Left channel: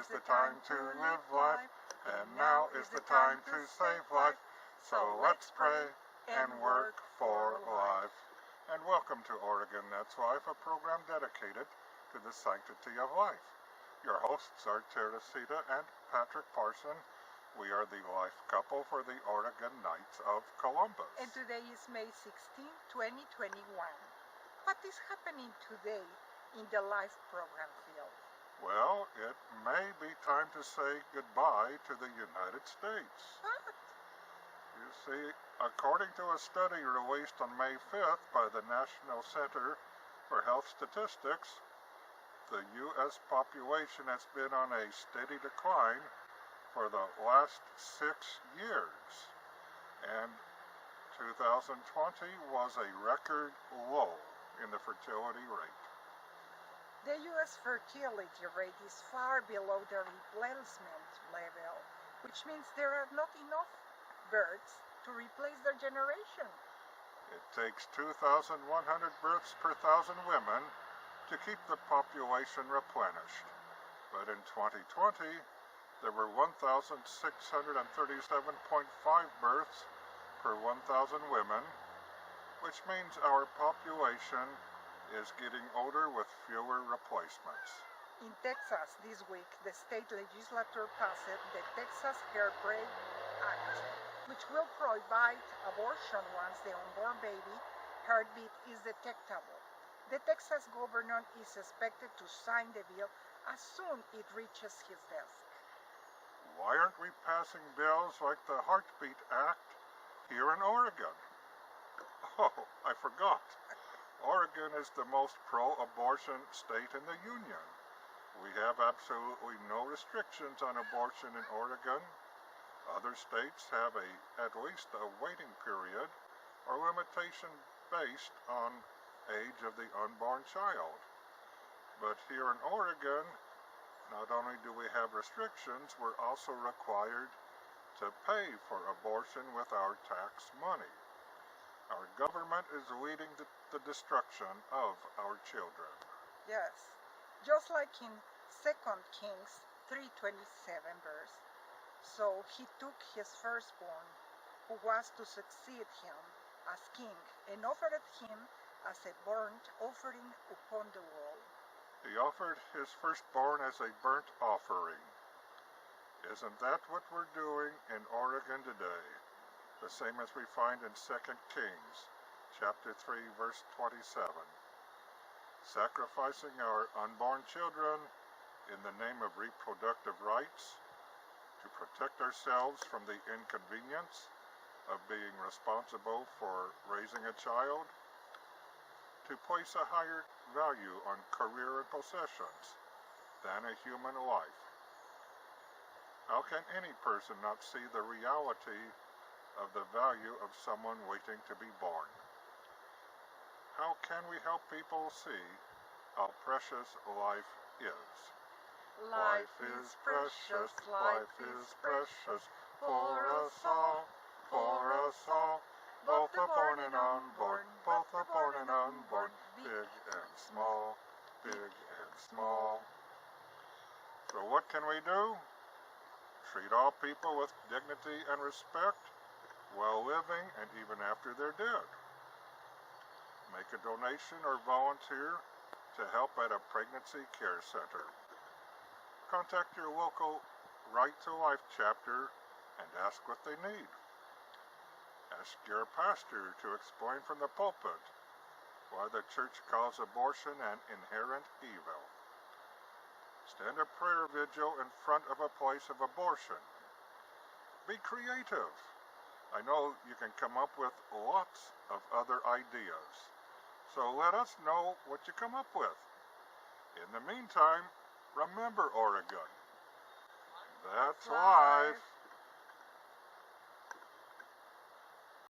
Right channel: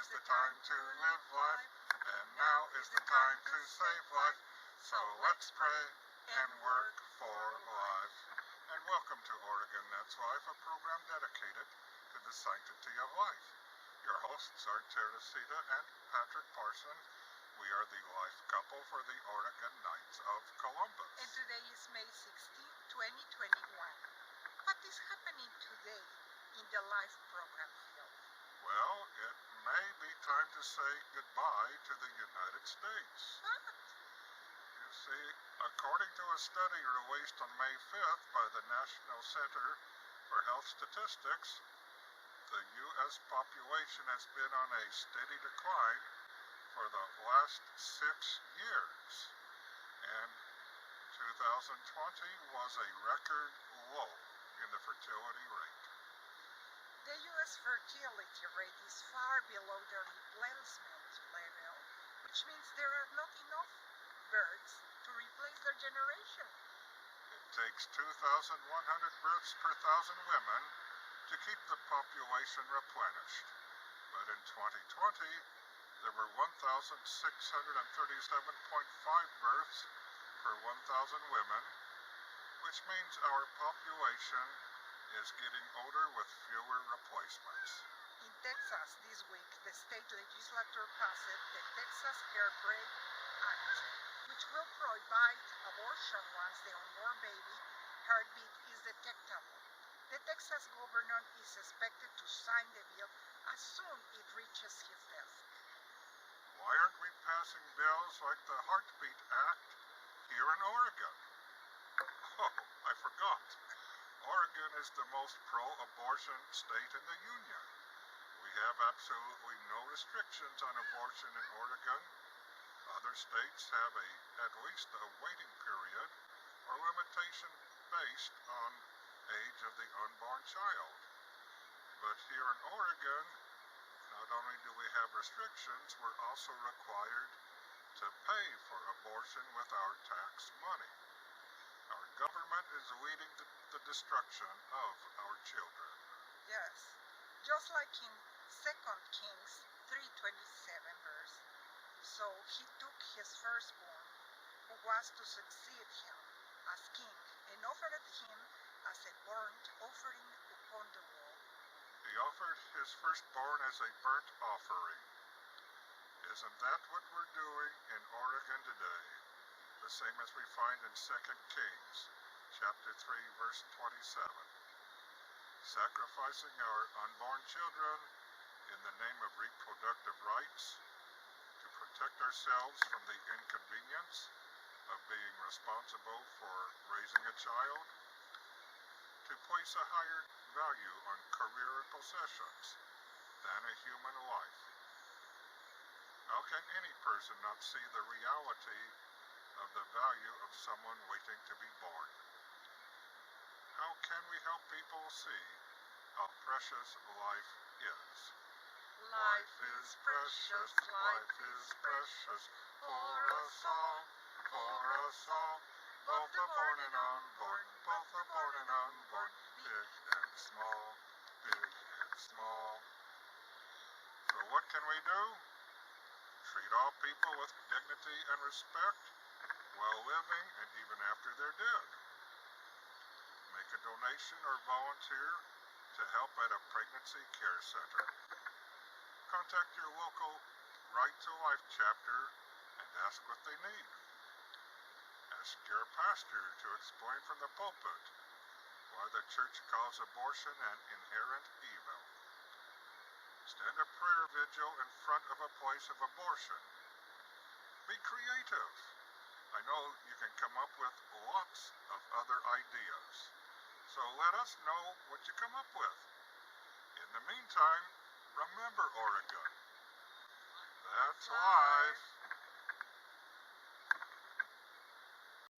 is the time to live life, and now is the time to save life. So let's pray and work for life. And welcome to Oregon That's Life, a program dedicated to the sanctity of life. Your hosts are Teresita and Patrick Parson. We are the life couple for the Oregon Knights of Columbus. And today is May 16, 2021. What is happening today in the life program field? Well, it may be time to say goodbye to the United States. What? You see, according to a study released on May 5th by the National Center for Health Statistics, the U.S. population has been on a steady decline for the last 6 years, and 2020 was a record low in the fertility rate. The U.S. fertility rate is far below the replacement level, which means there are not enough births to replace their generation. It takes 2,100 births per 1,000 women to keep the population replenished. But in 2020, there were 1,637.5 births per 1,000 women, which means our population is getting older with fewer replacements. In Texas this week, the state legislature passed the Texas Hairbrain Act, which will prohibit abortion once the unborn baby heartbeat is detectable. The Texas governor is expected to sign the bill as soon as it reaches his desk. Why aren't we passing bills like the Heartbeat Act here in Oregon? Oh, I forgot. Oregon is the most pro-abortion state in the Union. We have absolutely no restrictions on abortion in Oregon. Other states have at least a waiting period or limitation based on age of the unborn child. But here in Oregon, not only do we have restrictions, we're also required to pay for abortion with our tax money. Our government is leading the destruction of our children. Yes, just like in 2 Kings 3:27 verse. So he took his firstborn, who was to succeed him as king, and offered him as a burnt offering upon the wall. He offered his firstborn as a burnt offering. Isn't that what we're doing in Oregon today? The same as we find in 2 Kings, chapter 3, verse 27. Sacrificing our unborn children in the name of reproductive rights, to protect ourselves from the inconvenience of being responsible for raising a child, to place a higher value on career and possessions than a human life. How can any person not see the reality of the value of someone waiting to be born? How can we help people see how precious life is? Life is precious, life is precious, for us all, both the born and unborn, both the born and unborn, big and small, big and small. So what can we do? Treat all people with dignity and respect while living and even after they're dead. Make a donation or volunteer to help at a pregnancy care center. Contact your local Right to Life chapter and ask what they need. Ask your pastor to explain from the pulpit why the church calls abortion an inherent evil. Stand a prayer vigil in front of a place of abortion. Be creative. I know you can come up with lots of other ideas, so let us know what you come up with. In the meantime, remember Oregon. That's life.